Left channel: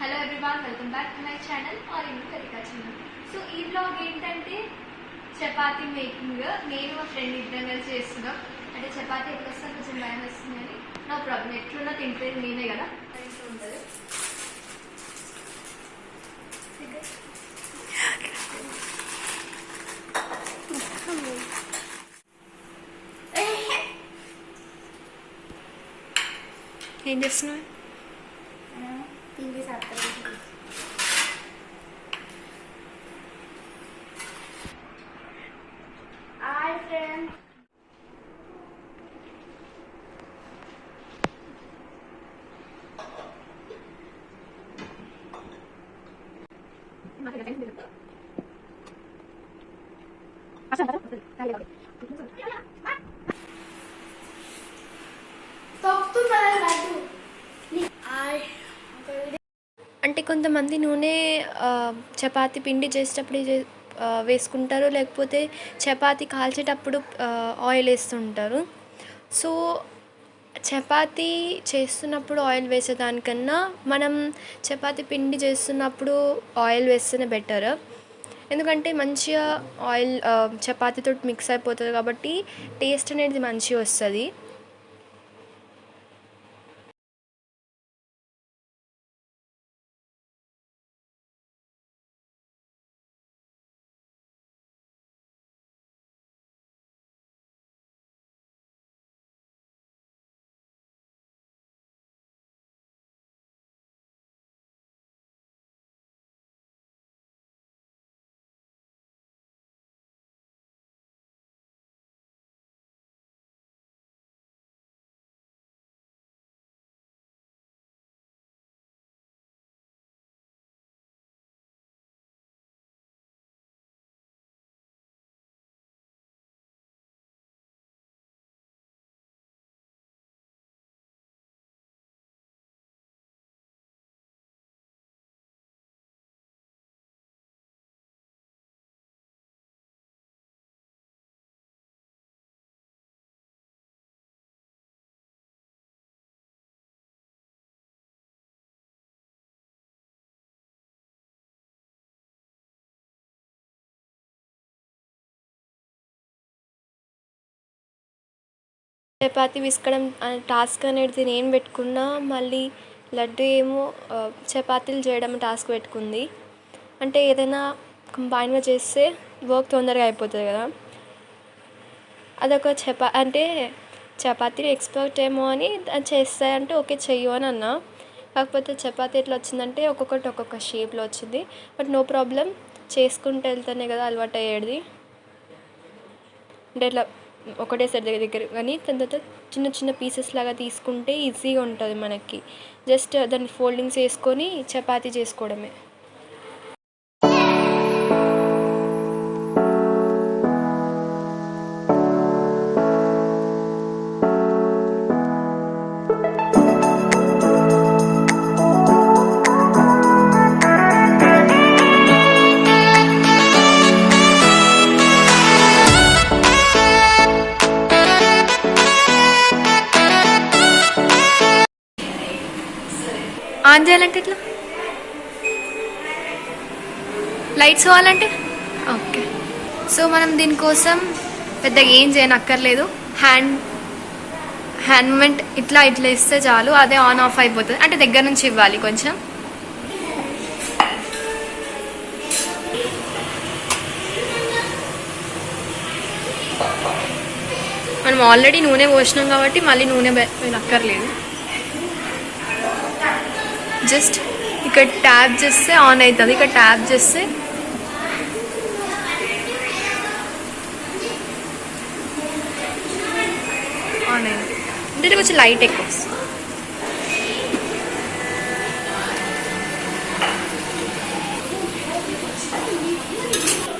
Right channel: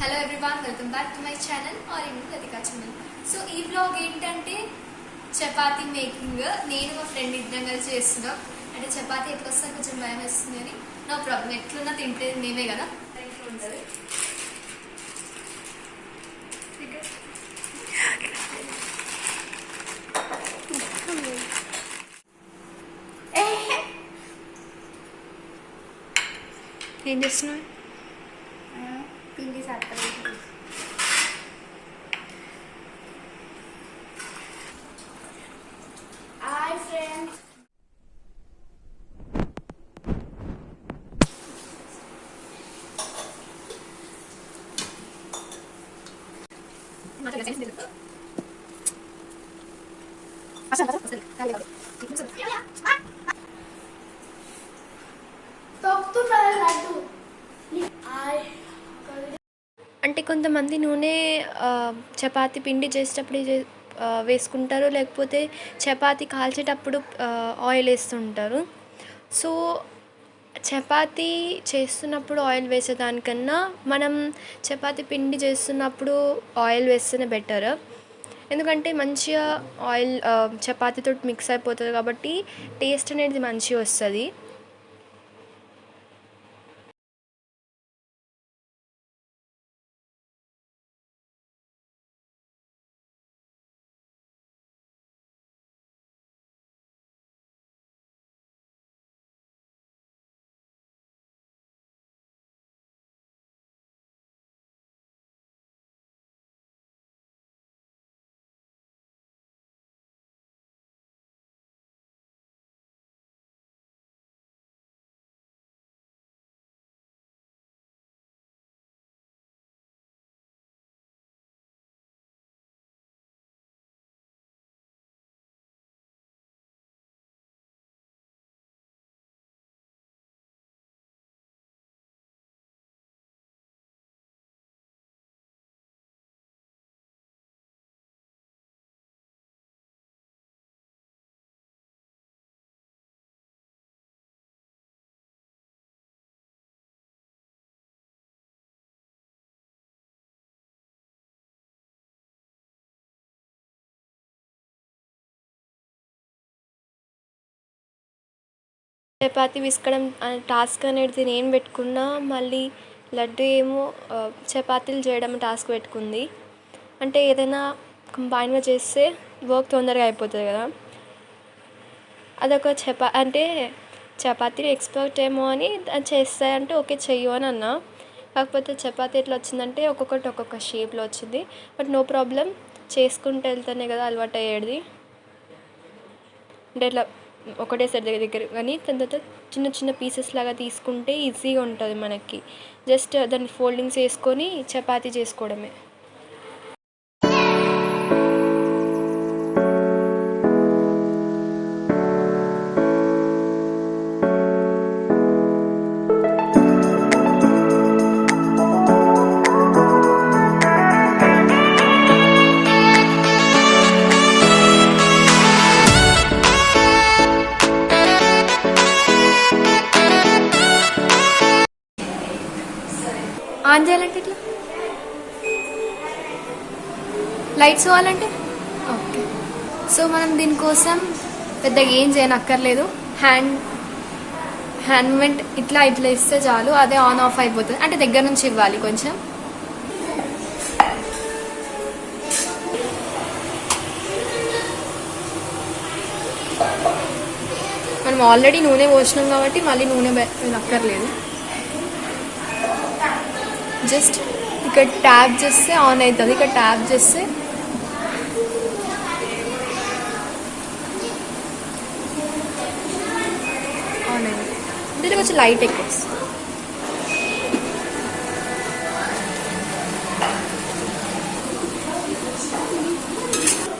Hello everyone, welcome back to my channel RN Latika channel. So ఈ blog ఏంటంటే chapati making. నేను మా ఫ్రెండ్ ఇద్దరం కలిసి చేస్తున్నాం. అంటే చపాతీ ఎట్లా వస్తే కొంచెం భయం వేస్తుంది అని నో ప్రాబ్లం, ఎట్లున్నా తింటే మేమే కదా ఇంట్లో ఉంటుంది. ఏం చేస్తున్నావు? పిండి సపరేట్. హాయ్ ఫ్రెండ్స్, అంటే కొంతమంది నూనె చపాతీ పిండి చేసేటప్పుడు వేసుకుంటారు, లేకపోతే చపాతీ కాల్చేటప్పుడు ఆయిల్ వేస్తుంటారు. సో చపాతీ చేస్తున్నప్పుడు ఆయిల్ వేసేదానికన్నా మనం చపాతీ పిండి చేస్తున్నప్పుడు ఆయిల్ వేస్తేనే బెటర్. ఎందుకంటే మంచిగా ఆయిల్ చపాతీతో మిక్స్ అయిపోతుంది కాబట్టి టేస్ట్ అనేది మంచిగా వస్తుంది. చపాతీ విసకడం టాస్క్ అనేది నేను పెట్టుకున్నా, మళ్ళీ లడ్డు ఏమో చపాతీలు చేయడం టాస్క్ పెట్టుకుంది. అంటే ఏదైనా కంబైన్గా చేస్తే వర్క్ తొందరగా అయిపోతుంది కదా. అదొక అంటే చపాతీలు ఎక్స్పర్ట్ ఏమో అని చేస్తాయంటే ఓకే చెయ్యు అని అన్నా. కాకపోతే చపాతీ ఎట్లా వచ్చిందంటే ఒక్కొక్కటి ఒక్కొక్క షేప్లో వచ్చింది. బట్ నో ప్రాబ్లం, చేసుకుంటూ వెళ్తేనే కదా అలవాటు అయ్యేది. అంటే ఇట్లా ఒకటేసారి దగ్గర కానీ తర్వాత చిన్న చిన్న పీసెస్ లాగా తీసుకుంటే ఈజీగా ఉంటుంది మనకి. జస్ట్ దాన్ని ఫోల్డింగ్స్ వేసుకొని చపాతీ చేసుకోవడమే. ఆన్ చేయాలంటే ఇట్లా లైట్స్ కావాలంటే ఓకే. సో మనం దీనికోసం పెద్దగా ఏం చేయనక్కర్లేదు. హ్యాండ్ మూమెంట్ ఇట్లా ఇస్తే చాలు, అదే ఆన్ ఆఫ్ అయిపోతుంది. అంటే దగ్గర నుంచి ఇవ్వాలి కొంచెం. మనం ఆల్రెడీ నూనె పోసినాం కాబట్టి మళ్ళీ నూనె అక్కర్లేదు. జస్ట్ ఇక్కడ ట్యాప్ చేస్తే ఆన్ అవుతుంది. ఇక్కడ ట్యాప్ చేస్తే ఆన్ అయింది. అంటే కొంచెం లైట్ ఎక్కువ.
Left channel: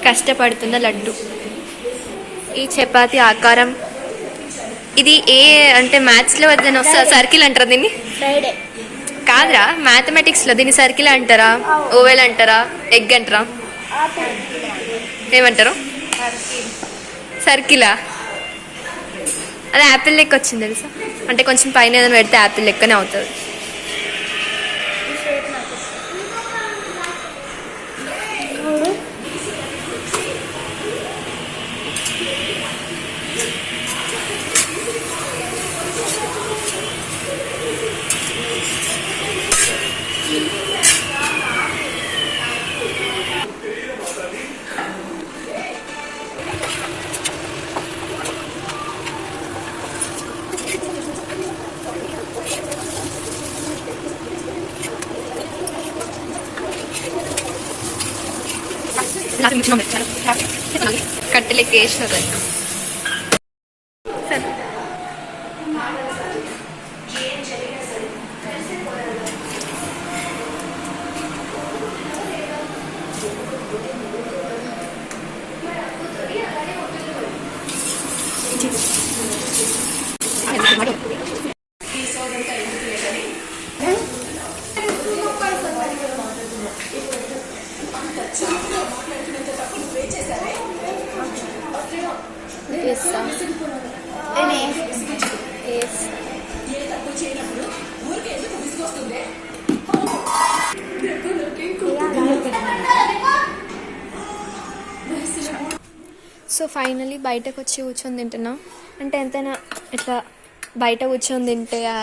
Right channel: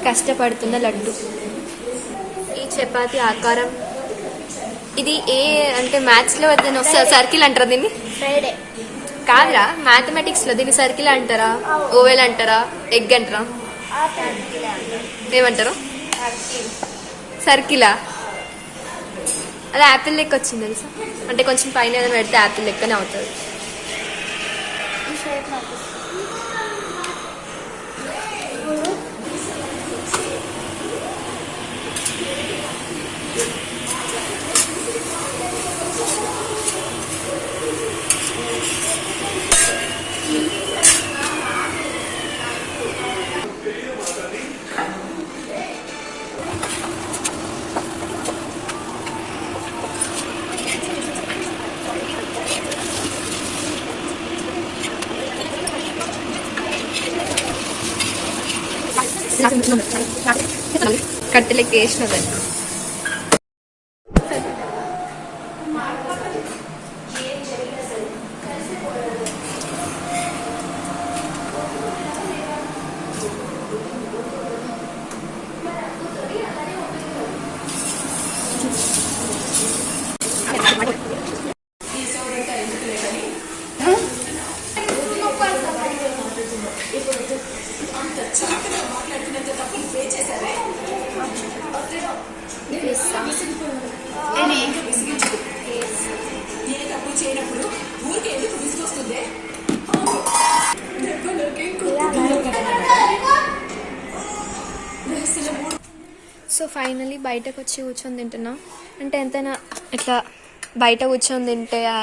కష్టపడుతున్న లడ్డు. ఈ చపాతీ ఆకారం ఇది ఏ అంటే మ్యాథ్స్లో వద్దని వస్తా సర్కిల్ అంటారా దీన్ని? కాదురా, మ్యాథమెటిక్స్లో దీన్ని సర్కిల్ అంటారా, ఓవెల్ అంటారా, ఎగ్ అంటారా, ఏమంటారు? సర్కిలా? అది యాపిల్ లెక్క వచ్చింది తెలుసా. అంటే కొంచెం పైన ఏదైనా పెడితే యాపిల్ లెక్కనే అవుతుంది. కట్టెలెక్క వేసినది సో ఫైనలీ బయటకు వచ్చి కూర్చొని తింటున్నా. అంటే ఎంతైనా ఇట్లా బయట కూర్చొని తింటే ఆ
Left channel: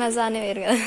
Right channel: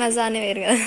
మజానే వేరు కదా.